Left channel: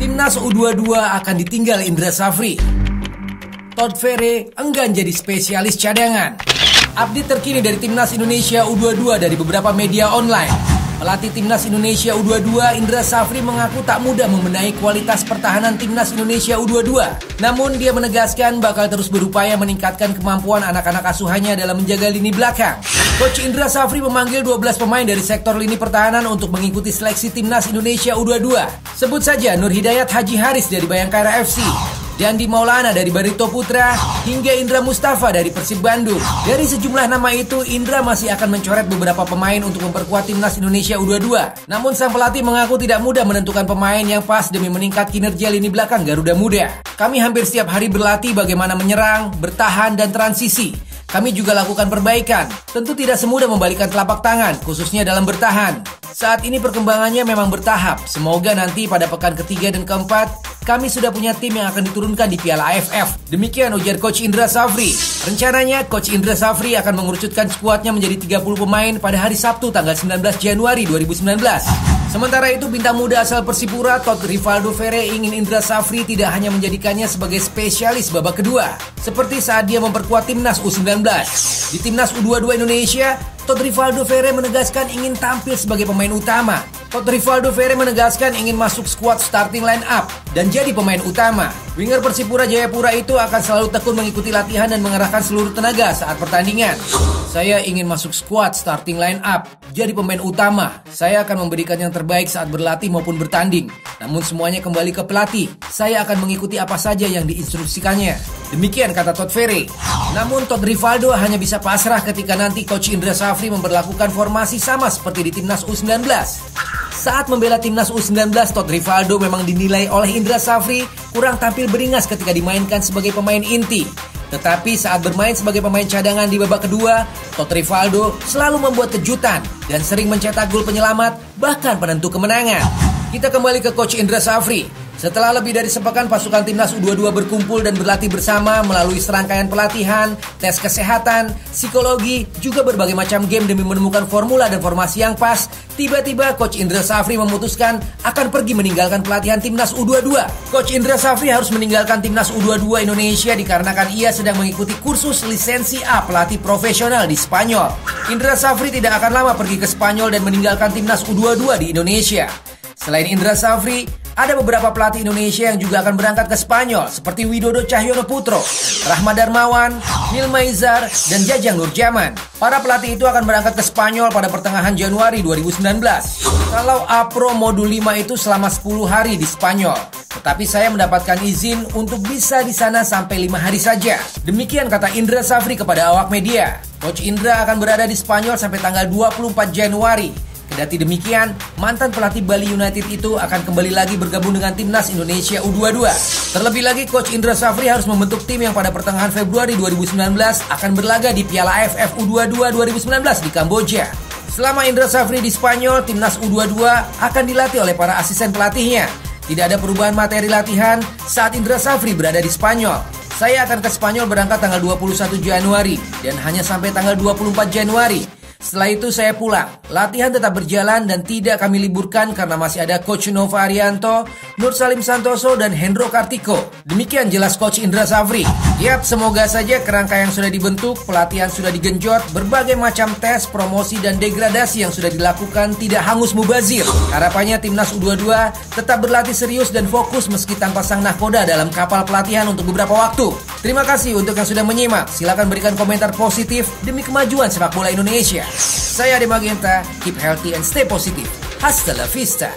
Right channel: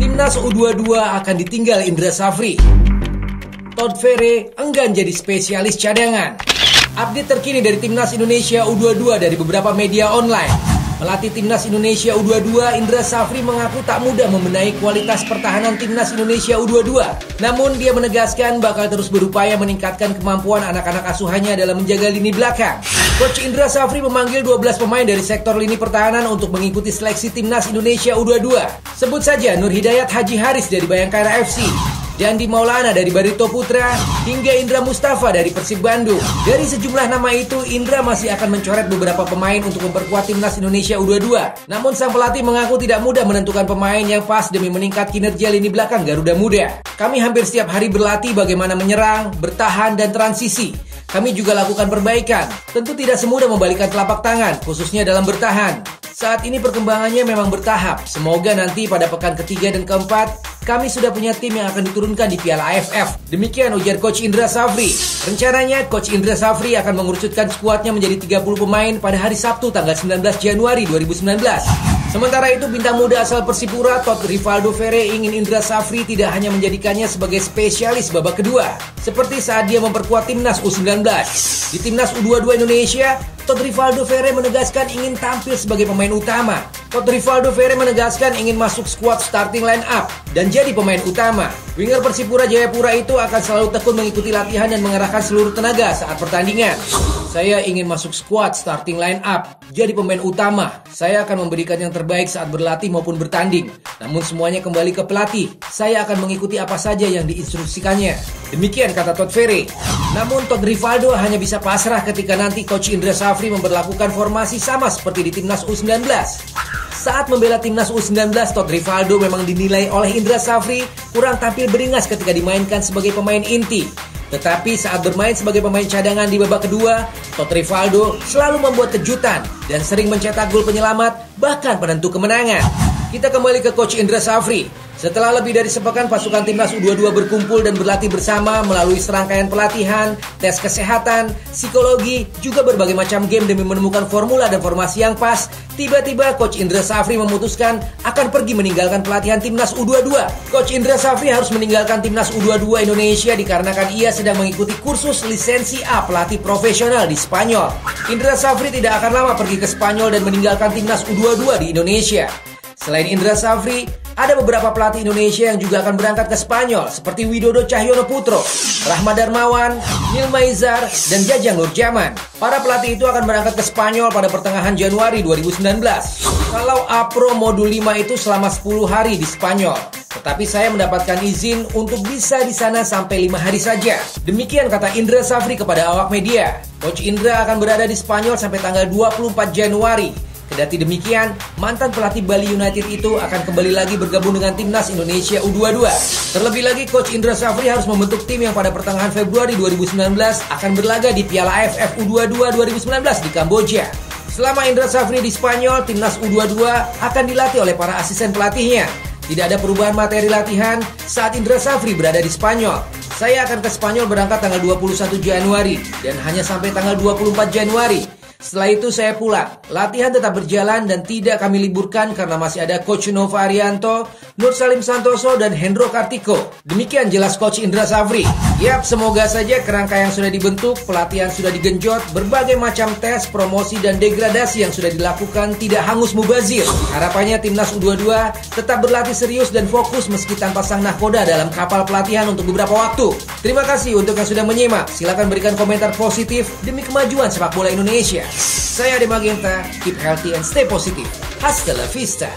Timnas U22 akan ditinggal Indra Safri. Todd Ferre enggan jadi spesialis cadangan. Update terkini dari Timnas Indonesia U22 dari beberapa media online. Pelatih Timnas Indonesia U22 Indra Safri mengaku tak mudah membenahi kualitas pertahanan Timnas Indonesia U22. Namun dia menegaskan bakal terus berupaya meningkatkan kemampuan anak-anak asuhannya dalam menjaga lini belakang. Coach Indra Safri memanggil 12 pemain dari sektor lini pertahanan untuk mengikuti seleksi Timnas Indonesia U22. Sebut saja Nur Hidayat Haji Haris dari Bayangkara FC, Dandi Maulana dari Barito Putra, hingga Indra Mustafa dari Persib Bandung. Dari sejumlah nama itu, Indra masih akan mencoret beberapa pemain untuk memperkuat Timnas Indonesia U22. Namun sang pelatih mengaku tidak mudah menentukan pemain yang pas demi meningkat kinerja lini belakang Garuda Muda. Kami hampir setiap hari berlatih bagaimana menyerang, bertahan, dan transisi. Kami juga lakukan perbaikan. Tentu tidak semudah membalikkan telapak tangan, khususnya dalam bertahan. Saat ini perkembangannya memang bertahap. Semoga nanti pada pekan ketiga dan keempat, kami sudah punya tim yang akan diturunkan di Piala AFF. Demikian ujar Coach Indra Safri. Rencananya Coach Indra Safri akan mengerucutkan skuadnya menjadi 30 pemain pada hari Sabtu tanggal 19 Januari 2019. Sementara itu bintang muda asal Persipura Todd Rivaldo Ferre ingin Indra Safri tidak hanya menjadikannya sebagai spesialis babak kedua, seperti saat dia memperkuat Timnas U19. Di Timnas U22 Indonesia, Todd Rivaldo Ferre menegaskan ingin tampil sebagai pemain utama. Todd Rivaldo Ferre menegaskan ingin masuk skuad starting line up dan jadi pemain utama. Winger Persipura Jayapura itu akan selalu tekun mengikuti latihan dan mengerahkan seluruh tenaga saat pertandingan. Saya ingin masuk skuad starting line up, jadi pemain utama. Saya akan memberikan yang terbaik saat berlatih maupun bertanding. Namun semuanya kembali ke pelatih. Saya akan mengikuti apa saja yang diinstruksikannya. Demikian kata Todd Ferre. Namun Todd Rivaldo hanya bisa pasrah ketika nanti Coach Indra Safri memberlakukan formasi sama seperti di Timnas U19. Saat membela Timnas U19, Todd Rivaldo memang dinilai oleh Indra Safri kurang tampil beringas ketika dimainkan sebagai pemain inti. Tetapi saat bermain sebagai pemain cadangan di babak kedua, Todd Rivaldo selalu membuat kejutan dan sering mencetak gol penyelamat, bahkan penentu kemenangan. Kita kembali ke Coach Indra Safri. Setelah lebih dari sepekan pasukan Timnas U22 berkumpul dan berlatih bersama melalui serangkaian pelatihan, tes kesehatan, psikologi, juga berbagai macam game demi menemukan formula dan formasi yang pas, tiba-tiba Coach Indra Safri memutuskan akan pergi meninggalkan pelatihan Timnas U22. Coach Indra Safri harus meninggalkan Timnas U22 Indonesia dikarenakan ia sedang mengikuti kursus lisensi A pelatih profesional di Spanyol. Indra Safri tidak akan lama pergi ke Spanyol dan meninggalkan Timnas U22 di Indonesia. Selain Indra Safri, ada beberapa pelatih Indonesia yang juga akan berangkat ke Spanyol seperti Widodo Cahyono Putro, Rahmat Darmawan, Nil Maizar, dan Jajang Nurjaman. Para pelatih itu akan berangkat ke Spanyol pada pertengahan Januari 2019. Kalau A-Pro Modul 5 itu selama 10 hari di Spanyol. Tetapi saya mendapatkan izin untuk bisa di sana sampai 5 hari saja. Demikian kata Indra Safri kepada awak media. Coach Indra akan berada di Spanyol sampai tanggal 24 Januari. Kendati demikian, mantan pelatih Bali United itu akan kembali lagi bergabung dengan Timnas Indonesia U22. Terlebih lagi, Coach Indra Safri harus membentuk tim yang pada pertengahan Februari 2019 akan berlaga di Piala AFF U22 2019 di Kamboja. Selama Indra Safri di Spanyol, Timnas U22 akan dilatih oleh para asisten pelatihnya. Tidak ada perubahan materi latihan saat Indra Safri berada di Spanyol. Saya akan ke Spanyol berangkat tanggal 21 Januari dan hanya sampai tanggal 24 Januari. Setelah itu saya pulang. Latihan tetap berjalan dan tidak kami liburkan karena masih ada Coach Nova Arianto, Nur Salim Santoso, dan Hendro Kartiko. Demikian jelas Coach Indra Safri. Yap, semoga saja kerangka yang sudah dibentuk, pelatihan sudah digenjot, berbagai macam tes, promosi, dan degradasi yang sudah dilakukan tidak hangus mubazir. Harapannya Timnas U22 tetap berlatih serius dan fokus meski tanpa sang nahkoda dalam kapal pelatihan untuk beberapa waktu. Terima kasih untuk yang sudah menyimak. Silakan berikan komentar positif demi kemajuan sepak bola Indonesia. Saya Ade Magenta, keep healthy and stay positive. Hasta la vista.